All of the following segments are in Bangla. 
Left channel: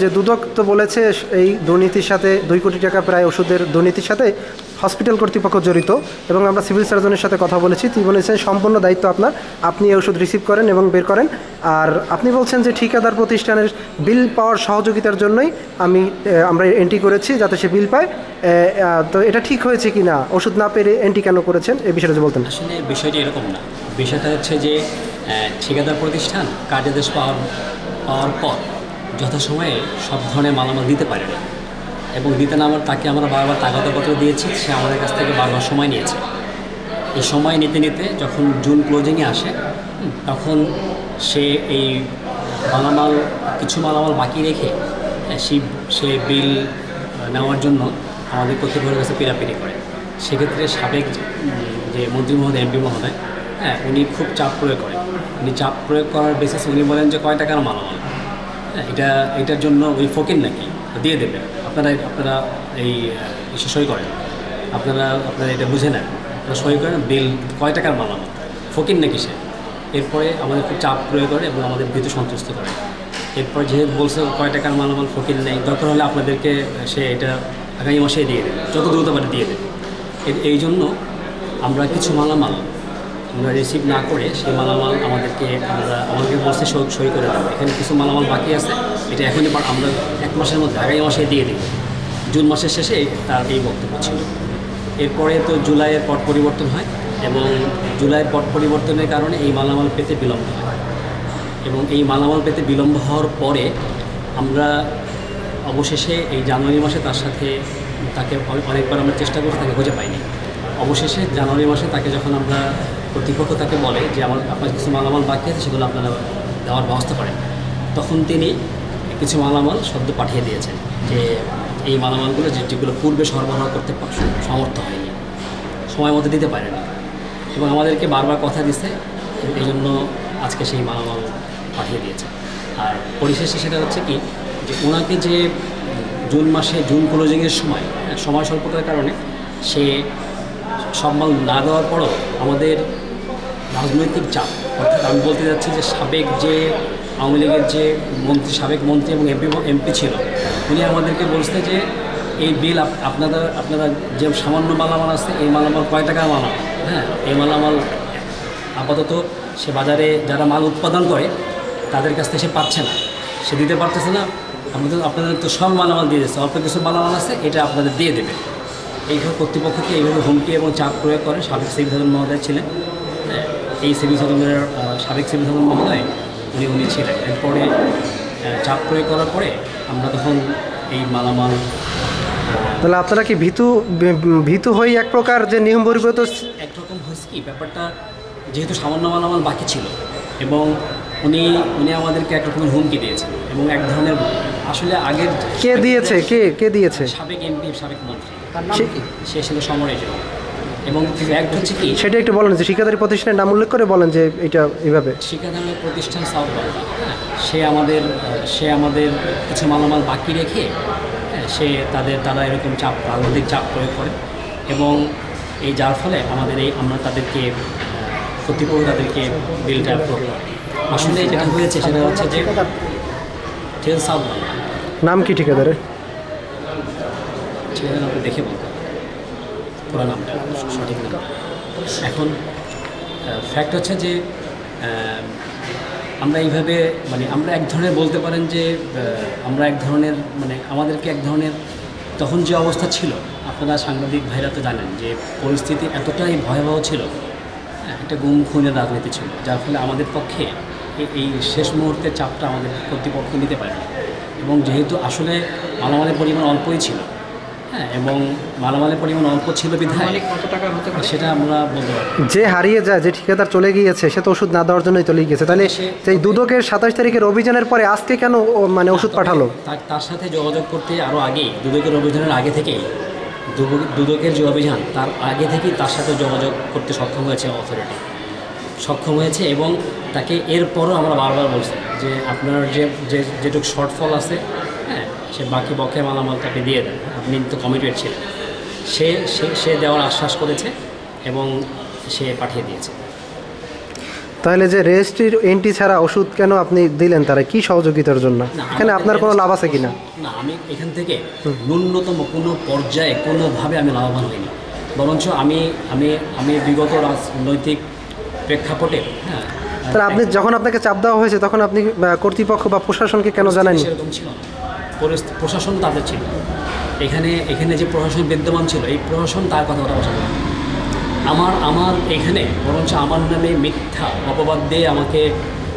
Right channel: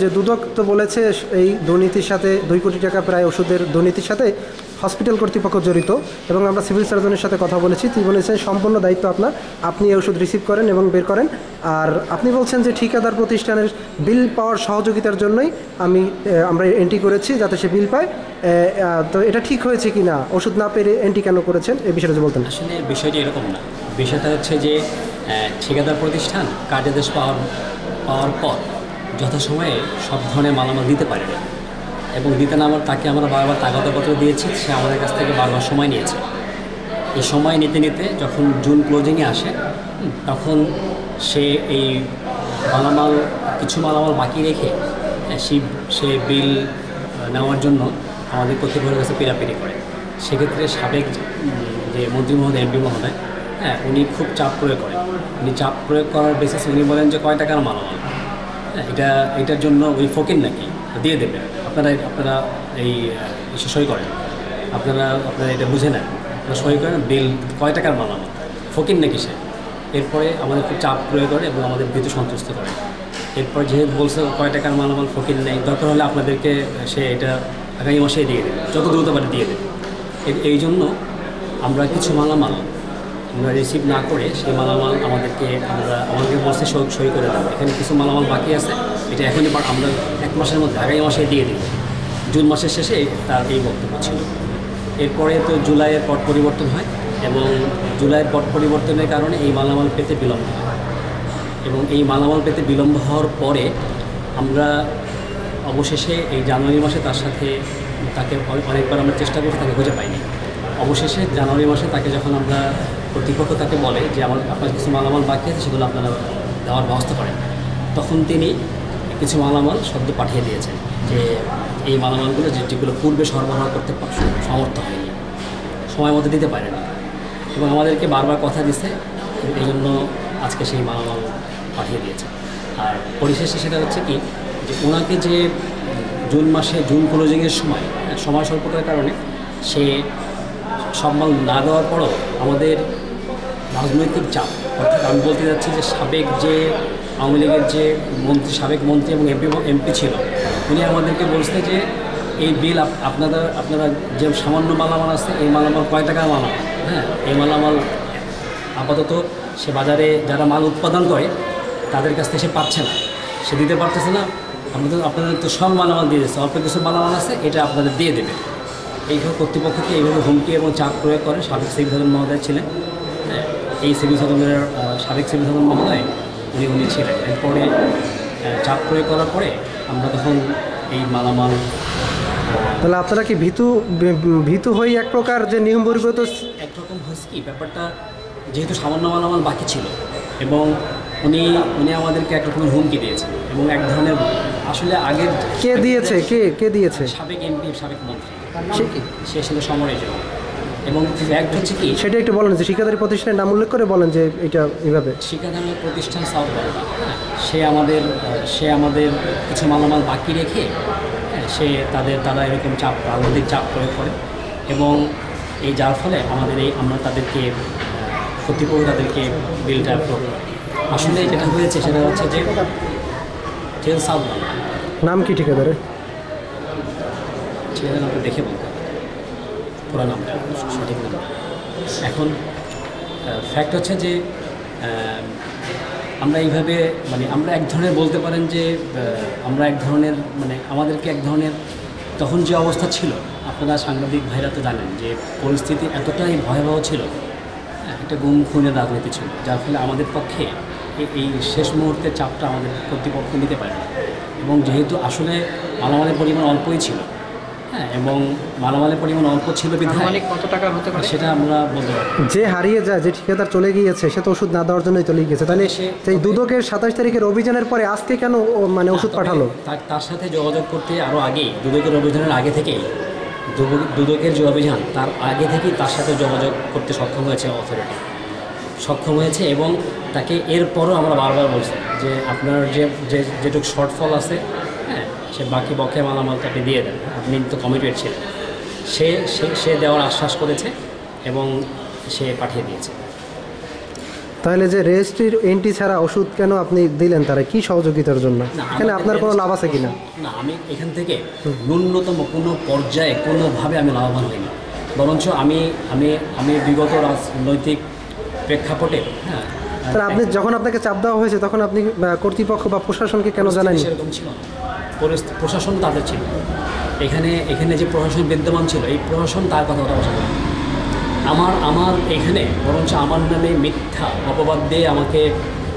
যে দুদক তো বলেছে এই দুর্নীতির সাথে 2 কোটি টাকা প্রায় ওষুধের দুর্নীতির সাথে হসপিটাল কর্তৃপক্ষ জড়িত, এবং আমরা সিভিল সার্জনের সাথে কথা বলেছি। তিনি বলেছেন সম্পূর্ণ দায়িত্ব আপনার, আপনি এই ওষুধ রিসিভ করেন এবং বের করেন। আর আপনি বলছেন যে ঠিকাদার প্রতিষ্ঠানের বিল পাওয়ার সহযোগিতার জন্যই আমরা এন্ট্রি করেছি, যাতে সে বিল পায়। তো এটা ঠিক হয়েছে কি না, ওষুধ না পেরে এন্ট্রি কেন করেছেন, এই বিষয়টা বলতেন। আসলে বিষয়টি এরকম না। বিষয়টা হচ্ছে যে ঠিকাদার প্রতিষ্ঠান কার্যাদেশ পাওয়ার পর যথাসময়ে সব ধরনের মালামাল দিতে পারে না, এবং দিতে না আমার তাকে আমরা বারবার তাগাদাপত্র দিয়েছি, সে আমাদের কাছ থেকে বারবার সময় নিয়েছে। এই সময় নিতে নিতে যখন জুন ক্লোজিংয়ে আসে, তখন সে এই কিছু মালামাল বাকি রেখে সে বিল নেওয়ার জন্য আমাদের কর্তৃপক্ষের কাছে পিড়াপিড়ি করে। সেক্ষেত্রে সাবেক যে মন্ত্রী মহোদয়, এমপি মহোদয়, উনি খুব চাপ প্রয়োগ করেন। উনি চাপ প্রয়োগ করার বেসিসে উনি বলেন যে কয় টাকার মালামাল, এটার জন্য ওই ফকির নাকি দিয়ে দেবে, আপনারা এই সই করেন, আপনারা এটা বুঝে নেন, আপনারা সই করেন, বিল কয় টাকার মালামাল, ফকির নাকি সে। এরপরে আমাদের খুব চাপ প্রয়োগ করে এবং আমাদের ভীতু সন্তুষ্ট করে। এরপর যেহেতু বলছে কয় টাকার মালামাল ফকির নেই, দরকার হলে আপনাদেরকে সে এটা আগামী মাসে দিয়ে দেবে, যত দ্রুত পারে দিয়ে দেবে। এই জন্য আমরা কিছু মালামাল আমরা রিসিভ না করে সেই মালামাল আমাদেরকে বলছে সই করে দেবো। এখানে কিছু মালামাল বাকি আছে, এটা এখনই আমরা 1 মাসের মধ্যে আগামী মাসে দিয়ে দিই। জুন মাসের শেষে তার এই বক্তব্য ছিল। এরপরে তো জুলাইয়ের পট পরিবর্তন হয়, এবং জুলাইয়ের পট পরিবর্তনের কারণে এই মালামাল পেতে বিলম্ব হয়, এবং এই মালামাল পেতে বিলম্ব হওয়ার পরে আমরা অবশেষে এই জানুয়ারি মাসে তাকে অনেকবার আমরা চেষ্টা করছি, তাকে খুঁজে পাইনি। অবশেষে জানুয়ারি মাসে তাকে যখন আমরা কর্তৃপক্ষ তাকে বলে যে আপনার কিছু মালামাল বাকি আছে, সেগুলো আপনারা দেওয়ার ব্যবস্থা করেন, তখন তিনি কিছু মালামাল সদ্য পাঠিয়ে দিয়েছেন, যে এই মালামালগুলো যেগুলো পূর্বে সরবরাহ করতে সমর্থ হয়নি, সময় মতো দিতে পারেনি, এবং আমাদেরকে বারবার কথা দিচ্ছে, এই জন্য আজকে সেই মালামাল পাঠিয়ে দিয়েছে। আর পরিশেষে সেটা হচ্ছে কি, যে ওনাকে যে জুন ক্লোজিংয়ের সময় স্বল্পতার কারণে সে সব মাল না দেওয়ার পরও আমাদের রাজনৈতিক চাপ, অর্থাৎ আমি বলতে যাচ্ছি যে আওয়ামী লীগের যে সাবেক মন্ত্রী এবং এমপি ছিল, উনি আমাদেরকে বলছে যে এই বিল আপনারা যে সামান্য মালামাল আছে, এই মালামাল কয় টাকার মালামাল, এই মালামাল আপাতত সে বাজারে যারা মাল উৎপাদন করে তাদের কাছ থেকে সে পাচ্ছে না, সে দিতে পারতেছে না, আপনাদের তো সব মালামাল দিয়ে দিচ্ছে, অল্প কিছু মালামাল আছে, এটা আপনাদের দিয়ে দেবে। এইভাবে কর্তৃপক্ষকে এইভাবে হুমকি এবং চাপ প্রয়োগ করে। সাবেক সিভিল সার্জন মহোদয় ছিলেন, এই সাবেক সিভিল সার্জন মহোদয় উনি ছিলেন। এরপরে চাপ প্রয়োগ করার পরে আমরা তখন এই মালামাল, তাহলে আপনারা কি ভীতু হয়ে এক প্রকার যে নিয়ম বহির্ভূত একরকম হয়েছে কি ব্যাপারটা, যেহেতু সামান্য মালামাল বাকি ছিল, এবং উনি আমাদেরকে এক রকমের হুমকি দিয়েছেন, এবং এক ধরনের আসলে আগের কে দিয়েছে সাবেক এমপি, সাবেক মন্ত্রী, সে ছিল সমরেশ। এবং ফ্যাক্ট হচ্ছে কি, সেটা একটু বলেন, যে ঠিকাদারি প্রতিষ্ঠানের নাম উল্লেখ করে বলেন যে এটা এইভাবে ঠিকাদারি প্রতিষ্ঠান সাউথ বাংলা, সে আমাদের কিছু মালামাল বাকি রেখে তারা এরকম রাজনৈতিক চাপ প্রয়োগ করে, এবং এই যার ফলে আমরা তাদেরকে কর্তৃপক্ষ তাদেরকে বিলটা অ্যাপ্রুভ করে। আসলে যেটা হয়েছে সেটা হচ্ছে যে সাউথ বাংলা। নাম কি ঠিকাদারের? নামটা দেখে বলতে হবে পুরো নামটা, সঠিক নাম। এখন ফ্যাক্ট হচ্ছে যে আমরা এইভাবে আমরা এক ধরনের বলতে পারেন যে আমরা এক ধরনের আমাদেরকে এক ধরনের তখন যে অবস্থা ছিল, আপনারা সাংবাদিক ভাইরা তো জানেন যে পরিস্থিতি এতটাই ভয়াবহ ছিল, একটা গুম খুনের রাজনীতি ছিল, যার ফলে আমাদের পক্ষে এই শেষ মুহূর্তের চাপটা আমাদের কর্তৃপক্ষ নিতে পারেনি। এবং যেহেতু আসলে মালামালের পরিমাণ অল্পই ছিল, এবং মালামালের পরিমাণ অল্প ছিল বিধায় কত টাকা হতে পারে সেটা আমরা বলতে পারি। যে হারিয়ে যায়, যে ঠিকাদার চলে গিয়েছে, সে তো ওষুধ না দেওয়ার জন্যই চলে গিয়েছে, তাহলে সেই দুদকের 27 তারিখের অভিযানের পরে আজকে কেন ওষুধ পাঠালো? তার সাথে যোগাযোগ করতে আরও আগেই, দুদকের অভিযানের আগে থেকেই, দুদকের যে অভিযান তার আগে থেকেই তার সাথে যোগাযোগ করতে সক্ষম হয়েছে অথরিটি, এবং তাকে এরপরও আমরা বারবার বলছি যে আপনার যেটুকু শর্টফল আছে, সে বাকি বকেয়া মালামালটা আপনি দিয়ে দেন, আপনি তো কমিটেড ছিলেন। সে সে সে দেওয়ার আশ্বাস করেছে এবং সে পাঠিয়ে দিয়েছে। তাহলে যে রেজিস্ট্রির এন্ট্রি ছাড়া ওষুধ কেন আপনি দিলেন, তারা কি সহযোগিতার জন্য? এখানে আপনার কোনো লাভ আছে কিনা? না, আমি এখান থেকে ন্যূনতম কোনো পর্যায়ে কোনোভাবে আমি লাভবান হইনি, বরঞ্চ আমি আমি আমি বিগত রাজনৈতিক প্রেক্ষাপটে তাহলে আপনি যখন আপনাকে চাপ দেওয়া হয়েছে তখন আপনি কর্তৃপক্ষ বা প্রশাসনকে কেন জানাননি? সেরকম ছিল না, প্রশাসন তাদের ছিল, এখানে যে প্রশাসন বিদ্যমান ছিল এই প্রশাসন তার কথা বসা আমার এখানে বরঞ্চ আমার নামে মিথ্যা অপবাদ দিয়ে আমাকে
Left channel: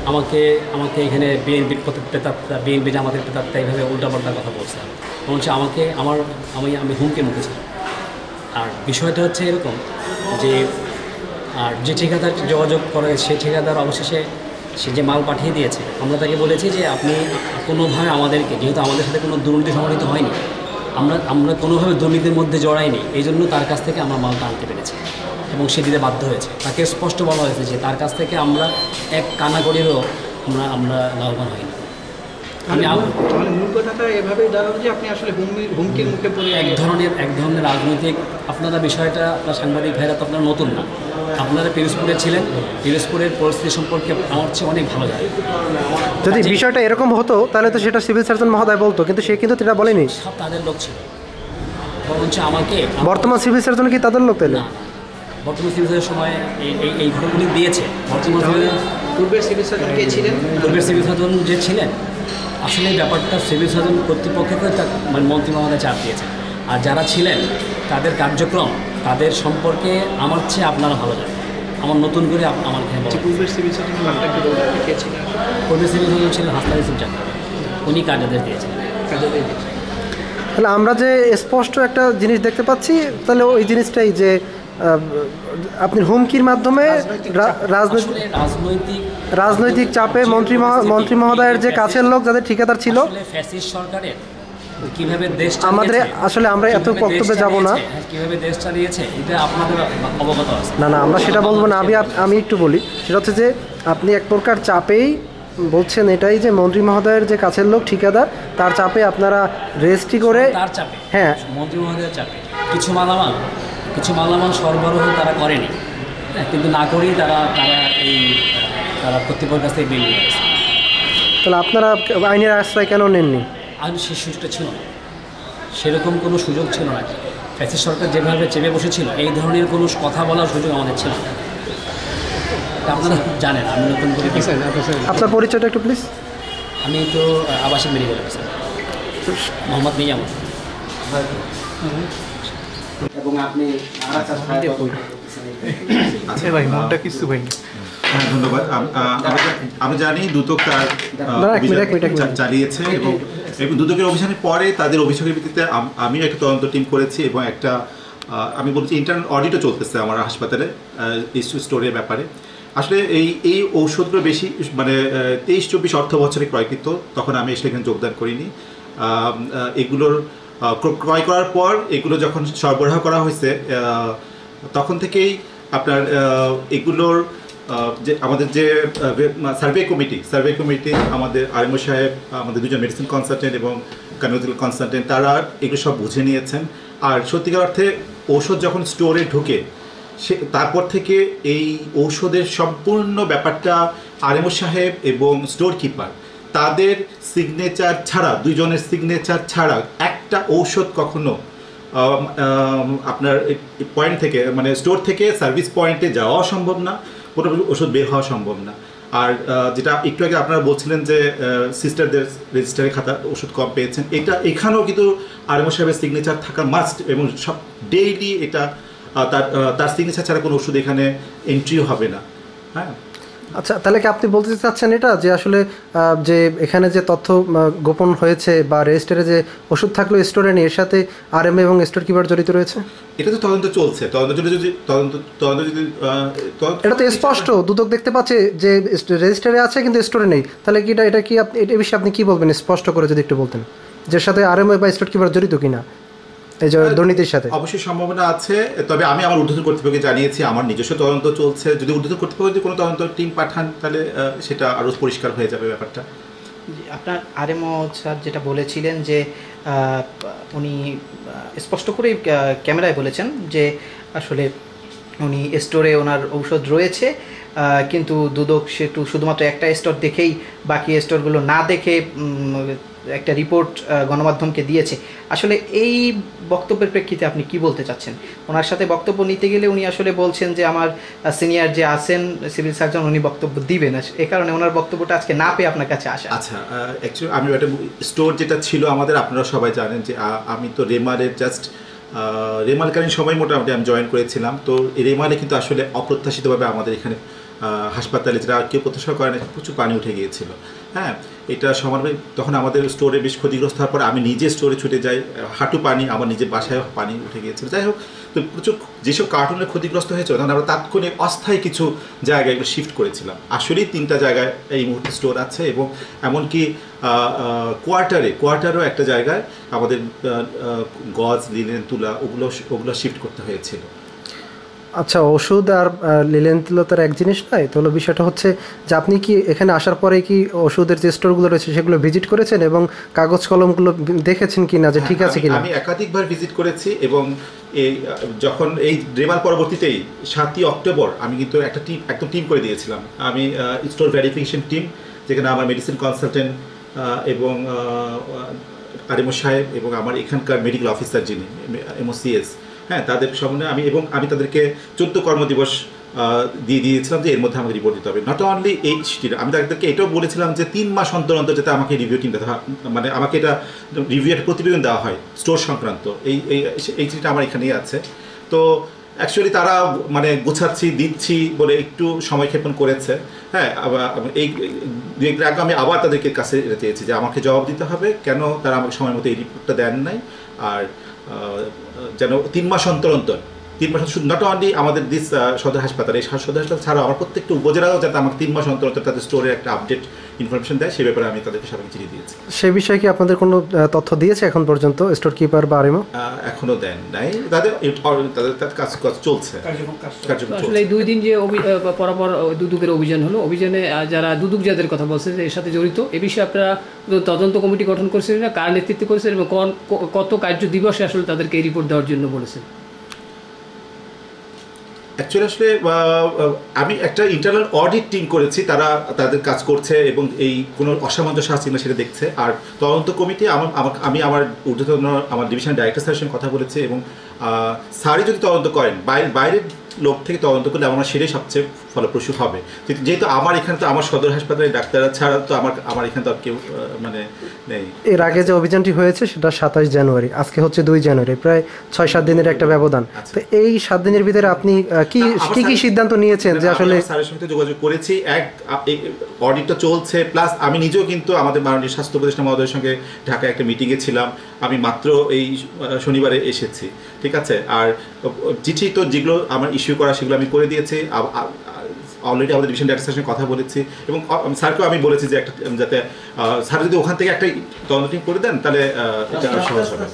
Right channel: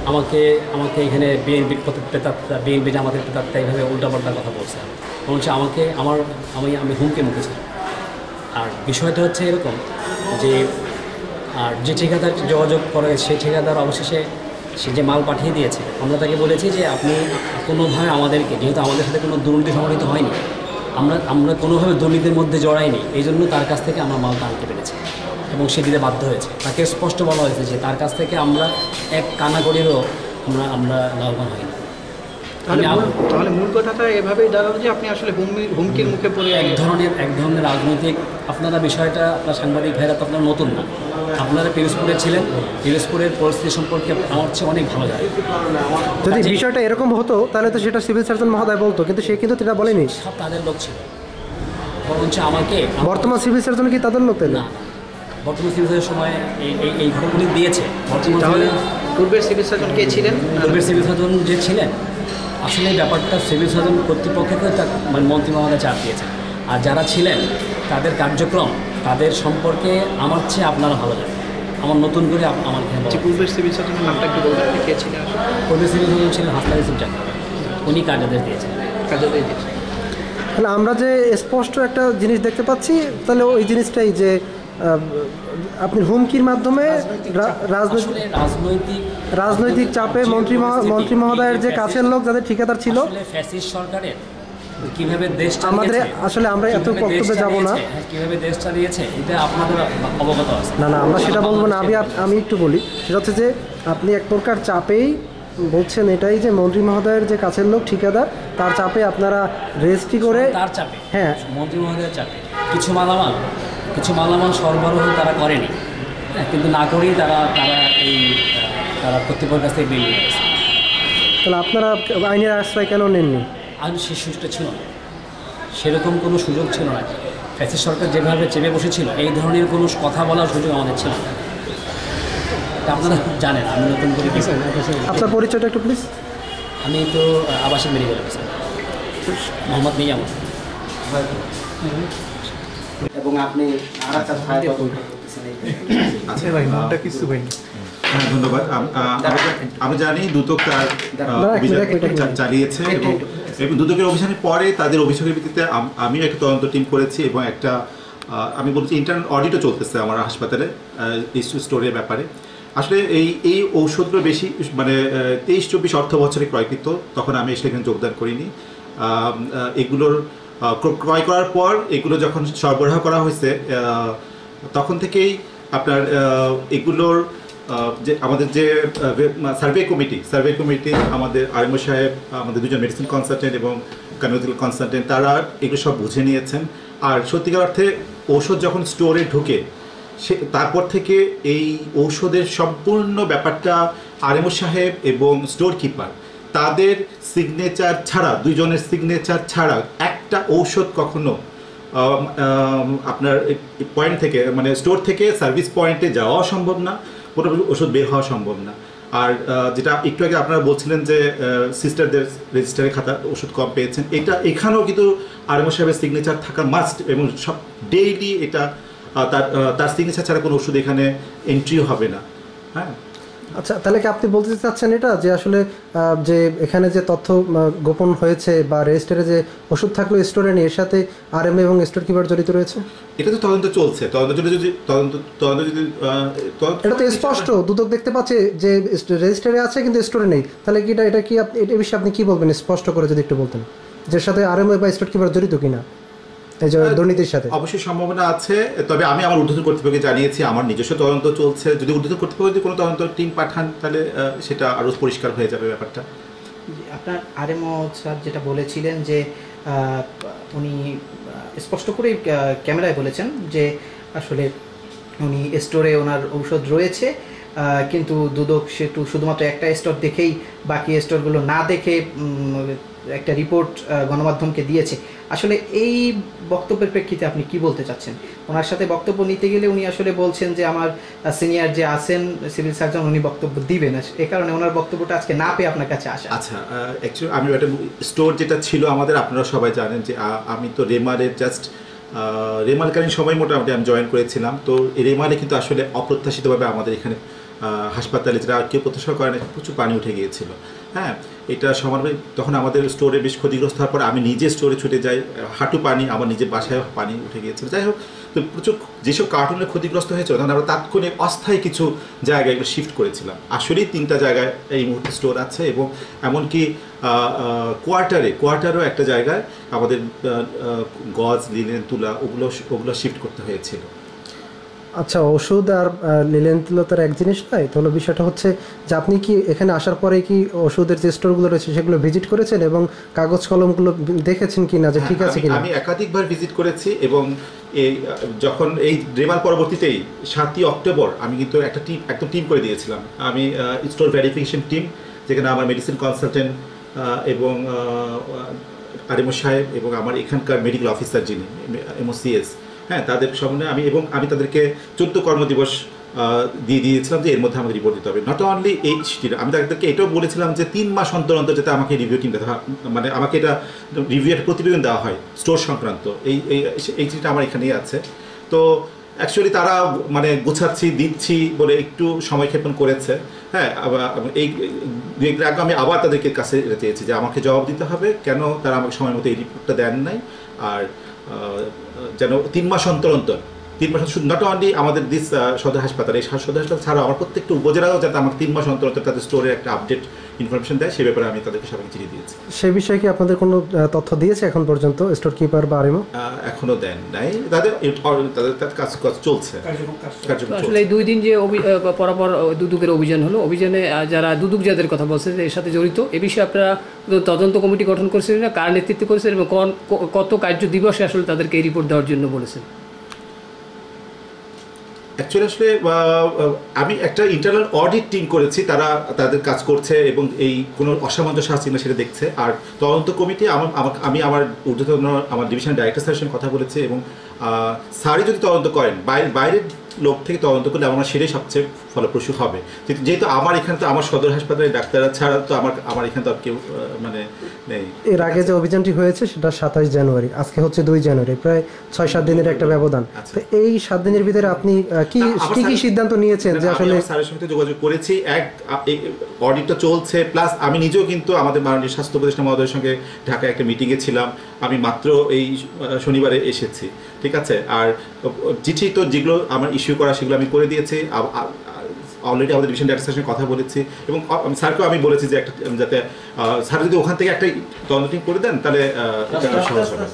আমাকে আমাকে এখানে বিএনপির প্রেতাত্মা, বিএনপি জামাতের প্রেতাত্মা এইভাবে উল্টাপাল্টা কথা বলছে, বরঞ্চ আমাকে আমি হুমকি মুখে ছিলাম। আর বিষয়টা হচ্ছে এরকম যে আর যে ঠিকাদার যোগাযোগ করে সেই ঠিকাদার অবশেষে সে যে মাল পাঠিয়ে দিয়েছে, আমরা তাকে বলেছি যে আপনি কোনোভাবে আমাদেরকে, যেহেতু আমাদের সাথে কোনো দুর্নীতি সংঘটিত হয়নি, আমরা কোনোভাবে দুর্নীতির মধ্যে জড়াইনি, এই জন্য তার কাছ থেকে আমরা মালটা আনতে পেরেছি এবং সে দিতে বাধ্য হয়েছে। তাকে স্পষ্ট বলা হয়েছে যে তার কাছ থেকে আমরা এক কানাকড়িরও আমরা লাভবান হইনি। তাহলে মূল কথাটা এভাবেই দাঁড়ালো যে আপনি আসলে হুমকির মুখে পড়ে এক ধরনের রাজনৈতিক, আপনারা বিষয়টা আপনার সাংবাদিক ভাইরা তো আপনারা নতুন না, আপনারা পিরোজপুরে ছিলেন, পিরোজপুরের পরিস্থিতি সম্পর্কে আমার চেয়ে অনেক ভালো জানে। যদি বিষয়টা এরকম হতো তাহলে তো সেটা সিভিল সার্জন মহোদয় বলতো, কিন্তু সে কিন্তু এটা বলেনি। সব তাদের লোক ছিল, বরঞ্চ আমাকে বর্তমান সিভিল সার্জন কি তাদের লোক? তাহলে না, বর্তমান সিভিল সার্জনের সময় এই ঘটনাগুলি দিয়েছে। বর্তমান পূর্বের সিভিল সার্জন কে ছিলেন? পূর্বের সিভিল সার্জন যে ছিলেন, আসলে এই ব্যাপারটা সিভিল সার্জন কর্তৃপক্ষকে মানে মন্ত্রী মহোদয় চাপ দিয়েছে। আর যারা ছিলেন তাদের কার্যক্রম, তাদের সম্পর্কে আমার চেয়ে আপনারা ভালো জানেন। আমার নতুন করে আমার পূর্বের সিভিল সার্জনের নামটা কি বলবেন, কে ছিলেন? পূর্বের সিভিল সার্জন ছিলেন হাসনাত ইসলাম চাকমা, উনি কার্যাদেশ দিয়েছেন। তাহলে আমরা যে স্পষ্ট একটা জিনিস দেখতে পাচ্ছি, তাহলে ওই জিনিসটাই যে আপনি হুমকির মাধ্যমে রাজনৈতিক চাপে মন্ত্রী মহোদয়ের যে কাছের লোক, যাদের ঠিকাদার ছিল, ফ্যাসিস্ট সরকারের কিভাবে দেশ আমাদের আসলে আমরা এত বক্তব্যে যাব না, কিভাবে দেশ চালিয়েছে এটা আপনাদের অবগত আছে। না আমরা সেটা বলবো না। আমি একটু বলি, সেটা হচ্ছে যে আপনি এক প্রকার চাপেই বলছেন এটাই যে মন্ত্রী মহোদয়ের যে কাছের লোক ঠিকাদার, তার চাপে আপনারা রেজিস্ট্রি করে, তার চাপে, হ্যাঁ মন্ত্রী মহোদয়ের চাপে কিছু মালামাল সরবরাহ তারা করেনি, কিন্তু না করেই তারা কর্তৃপক্ষের কাছ থেকে বিল নিয়ে গেছে। তাহলে আপনারা আইনের আশ্রয় কেন নেননি? আইন সেই সুযোগটা ছিল না, সেরকম কোনো সুযোগ ছিল না। ফ্যাসিস্ট সরকার যেভাবে চেপে বসেছিল, এই ধরনের কোনো কথা বলার সুযোগ আমাদের ছিল না। আপনারা জানেন আমি নতুন করে আপনার পরিচয়টা একটু প্লিজ। আমি তো আবাসিক মেডিকেল অফিসার মোহাম্মদ নিজাম। এবং আপনি ধন্যবাদ। আমরা জানি দুদক তার চালিয়েছে এবং দুদকের অভিযানের পরে তাদের অভিযোগের ভিত্তিতে আমিও একটা তদন্ত টিম করেছি এবং একটা আমি বলছি ইন্টারনাল অডিটও চলতেছে আমার হাসপাতালে এই স্টোরের ব্যাপারে। আসলে এই ঔষধগুলো বেশি মানে 23-24 অর্থ বছরে ক্রয়কৃত, তখন আমি সেখানে যোগদান করিনি। এগুলোর ক্রয় করার পর এগুলো যখন সরবরাহ করা হয়েছে তখন থেকেই আপনার এগুলোর যে আমাদের যে সার্ভে কমিটি আমাদের আরএমও সাহেব, আমাদের দুজন মেডিসিন কনসালটেন্ট এবং কনভেনশনাল কনসালটেন্ট, তারা এগুলো সব বুঝে নিয়েছেন। আর সত্যিকার অর্থে ঔষধ যখন স্টোরে ঢুকে তারপর থেকে এই ঔষধের সম্পূর্ণ ব্যাপারটা আরএমও সাহেব এবং স্টোর কিপার তাদের সিগনেচার ছাড়া, দুইজনের সিগনেচার ছাড়া একটা ঔষধ কখনো আপনার পয়েন্ট থেকে মানে স্টোর থেকে সার্ভিস পয়েন্টে যাওয়া সম্ভব না, কোনো ওষুধ বের হওয়া সম্ভব না। আর যেটা একটু আগে আপনারা বলছিলেন যে সিস্টারদের রেজিস্টারে খাতা ওষুধ কম পেয়েছেন, এখানেও কিন্তু আরএমও সাহেবের সিগনেচার থাকা মাস্ট এবং সব ডেইলি এটা তার সিগনেচার ছাড়া কোনো ওষুধ এখানে এন্ট্রিও হবে না। হ্যাঁ, আচ্ছা, তাহলে কি আপনি বলতে চাচ্ছেন এটা যে আসলে যে এখানে যে তথ্য গোপন হয়েছে বা রেজিস্টারে যে ওষুধ থাকলো স্টোরে নেই, এর সাথে আরএমএ এবং স্টোর কিপার জড়িত রয়েছে? এটা তো তদন্ত চলছে, এটা তো স্পষ্ট দুদক দেখতে পাচ্ছে যে রেজিস্টারে আছে কিন্তু স্টোরে নেই। তাহলে কি এটা কি আপনি এই বিষয়ে আপনি কি বলবেন স্পষ্ট করে যদি একটু বলতেন, যে সাথে আরএমএ বা স্টোর কিপার জড়িত কিনা এই যে দুর্নীতির সাথে? অবশ্যই সম্ভাবনা আছে, তবে আমি আমার ঊর্ধ্বতন কর্তৃপক্ষকে জানিয়েছি আমার নিজস্ব তদন্ত চলছে। যদি ঊর্ধ্বতন কর্তৃপক্ষ যদি কোনো তদন্ত টিম পাঠান তাহলে সেটা আরও পরিষ্কার হয়ে যাবে ব্যাপারটা। আপনার আরএমও স্যার যেটা বলেছিলেন যে উনি স্পষ্ট করে ক্যামেরায় বলেছেন যে আসলে উনি স্টোরে ওনার ঔষধ রয়েছে, কিন্তু দুদক সেটু শুধুমাত্র একটা স্টোর দেখেই বাকি স্টোরগুলো না দেখে একটা রিপোর্ট গণমাধ্যমকে দিয়েছে। আসলে এই বক্তব্যের প্রেক্ষিতে আপনি কি বলতে চাচ্ছেন? ওনার সাথে বক্তব্য নিতে গেলে উনি আসলে বলছেন যে আমার সিনিয়র যে আছেন সিভিল সার্জন উনি বক্তব্য দিবেন, এ কারণে ওনার বক্তব্যটা আজকে না পেয়ে আপনার কাছে আসা। আচ্ছা, অ্যাকচুয়ালি আমি একটা স্টোর যেটা ছিল আমাদের, আপনারা সবাই জানেন যে আমি তো রেমালের জাস্ট রেমালকালীন সময় মোটামুটি আমি জয়েন করেছিলাম। তো রেমালে কিন্তু আসলে অপ্রত্যাশিতভাবে আমাদের এখানে হাসপাতালে যারা কেউ প্রত্যাশা করে না প্রচুর পানি উঠে গিয়েছিল। হ্যাঁ, এটা সমানভাবে তখন আমাদের স্টোরে বেশ ক্ষতিগ্রস্ত হওয়ার পর আমি নিজে স্টোরে ছুটে যাই, হাঁটু পানি, আমার নিজের বাসায় পানি উঠে গিয়েছিল। যাই হোক, তো প্রচুর যেসব কার্টুনের ক্ষতিগ্রস্ত হয়েছিল তখন আমরা তাৎক্ষণিক অস্থায়ী কিছু জায়গায় এগুলো শিফট করেছিলাম। আসলেই 3টা জায়গায় এই মুহূর্তে স্টোর আছে এবং এমনকি কোয়ার্টারও একটা জায়গায় আমাদের গজ, লিনেন, তুলা ওগুলো শিফট করতে হয়েছিল। আচ্ছা, ওষুধ আর লিলেন তুলার এক জিনিস নয় তো, হলো বিষয়টা হচ্ছে যে আপনি কি এখানে আসার পরে কি ওষুধের যে স্টোরগুলো রয়েছে সেগুলো ভিজিট করেছেন এবং কাগজ কলমগুলো দেখেছেন কি না যে ঠিক আছে কিনা? আমি একাধিকবার ভিজিট করেছি এবং যখন এই রেমাল পরবর্তীতেই 7ই অক্টোবর আমি কিন্তু একটা টিম করে দিয়েছিলাম। আমি স্টোর ভেরিফিকেশন টিম, যেখানে আমার মেডিসিন কনসালটেন্ট এবং আরএমও সাহেব এবং আমার এখানকার মেডিকেল অফিসার যিনি MOCS, হ্যাঁ, তাদের সামনে আমি তাদেরকে 14 কর্মদিবস দিয়ে দিয়েছিলাম যে এর মধ্যে আমাকে রিপোর্ট দিতে হবে। নট অনলি আমি তাদেরকে এটাও বলেছিলাম যে 3 মাস অন্তর অন্তর যাতে আমাকে রিভিউ টিম মানে আমাকে এটা রিভিউ একটা প্রতিবেদন দেওয়া হয় স্টোর সংক্রান্ত। এই চিঠিটা আমার এখানেই আছে। তো অ্যাকচুয়ালি তারা মানে গুছাচ্ছি দিচ্ছি বলে একটু সময়ক্ষেপণ করেছে। হ্যাঁ, এই 2 আগে আমি আবার তাদেরকে কাছে চেয়েছি যে আমাকে জবাব দিতে হবে কেন তারা আমাকে সময় মতো এই রিপোর্টটা দেন নাই। আর যেন 3 মাস অন্তর অন্তর শুধু নট অনলি আমাদের দিস সদর হাসপাতাল, এই সদর হাসপাতাল ছাড়াও আমার প্রত্যেকটা উপজেলাও যাতে আমাকে 3 মাস অন্তর অন্তর তাদের স্টোরে একটা আপডেট ইনফরমেশন দেয়, সে ব্যাপারে আমি তাদেরকে সবাইকে চিঠি দিয়েছি। সে বিষয়ে কি আপনাদের কোনো তথ্য দিয়েছে এখন পর্যন্ত স্টোর কিপার বা আরএমও? এখনো দেন নাই, তাদের কাজ চলছে। আসলে এই 2 দিন যে পরপর দুদকের অভিযান হলো, অভিযানে যারা দুদক যাদের কথা বলছে যে এর সাথে জড়িত, এ বিষয়ে আপনারা তদন্ত কমিটি গঠন করেছিলেন না, কার নেতৃত্বে করেছেন এবং কত কার্য দিবসে আসলে তাদেরকে এই রিপোর্ট দেওয়ার জন্য বলেছেন? অ্যাকচুয়ালি আসলে আমি একটা ইন্টারনাল অডিট টিম করেছি, তারা তাদের কাজ করছে এবং এই কোনো অসামঞ্জস্য আছে কিনা সেটা দেখছে। আর তদন্ত কমিটি আমি আমার ঊর্ধ্বতন আমার ডিভিশনাল ডাইরেক্টর স্যারের সঙ্গে কথা বলেছি এবং স্যারই যদি তদন্ত করেন, বাইরের লোক থেকে তদন্ত করলে আমার সেটাই সবচেয়ে ফলপ্রসূ হবে। যেহেতু আমার এখানে তো আমার সদর হাসপাতালের ডাক্তাররা ছাড়া তো আমার এখানে তো আর কেউ মানে নেই। এর আগে যে অভিযানটি হয়েছে সেটা 27 জানুয়ারি, আজকে হচ্ছে 2 জানুয়ারি, প্রায় 6-7 দিনের একটা ব্যবধান। তো এই 7 দিনের ভিতরে আপনি কি সিদ্ধান্ত নিয়েছেন যে আসলে? স্যারের সঙ্গে যোগাযোগ করেছি, অডিটটা চলছে, প্লাস আমি নিজেও কিন্তু আমাদের মাননীয় স্বাস্থ্য উপদেষ্টা মহোদয়ের সঙ্গে ঢাকায় একটা মিটিংয়ে ছিলাম। আমি মাত্র এই শনিবারে এসেছি, ঠিক আছে। আর চিঠি তো যেগুলো আমার ইস্যু করা সেগুলো আমি করে দিয়েছি। অলরেডি আমাদের ডিভিশন ডাইরেক্টরের সঙ্গে কথা বলেছি এবং স্যারকেও আমি বলেছি যে একটা যাতে স্যার যদি ওখান থেকে একটা তদন্ত টিম করে দেন তাহলে এটা সহজ হবে।